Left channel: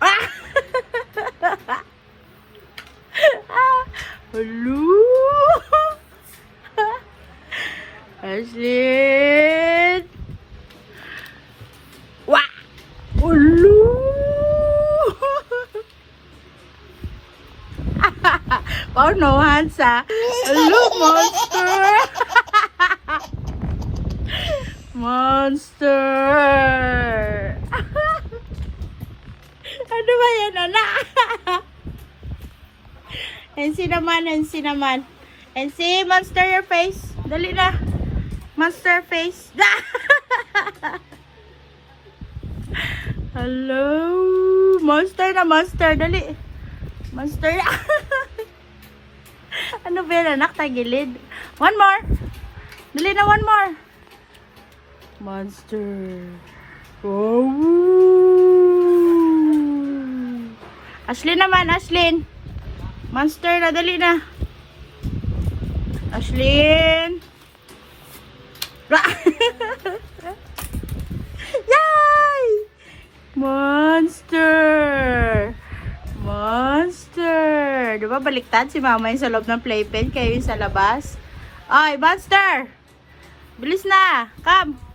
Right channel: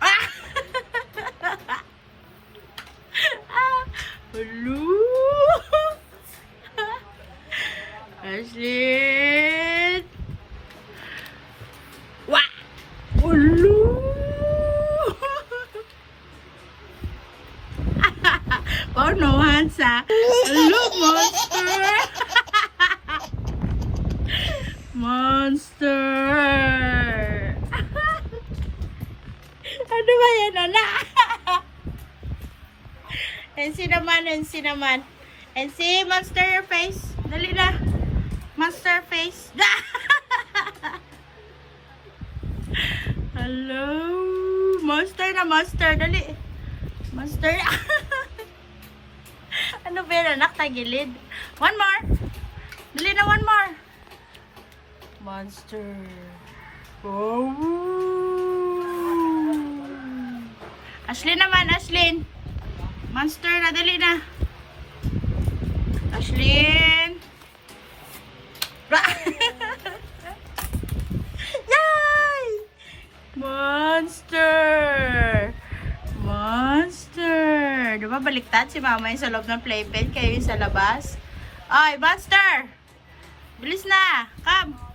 Ah! Hello! Ashlyn! Wah! Hello! Pauno, Hansa. Hello, monster! Monster! Ano ba yan, anak? NC naman, NC naman. NC, monster your face. Dali na. Monster face. Hello. Monster na, monster. Dali. Monster. Ano ba yan, anak? Tagilid. One more. Dali na, one more. Monster. Oh. Ashlyn naman, Ashlyn. Monster na, dali na. Ashlyn. Yay! Monster. Monster. Diba baliktad si mama yung sa loob ng playpen, kayo yung sa labas? Ay, monster. Bilis na. Come.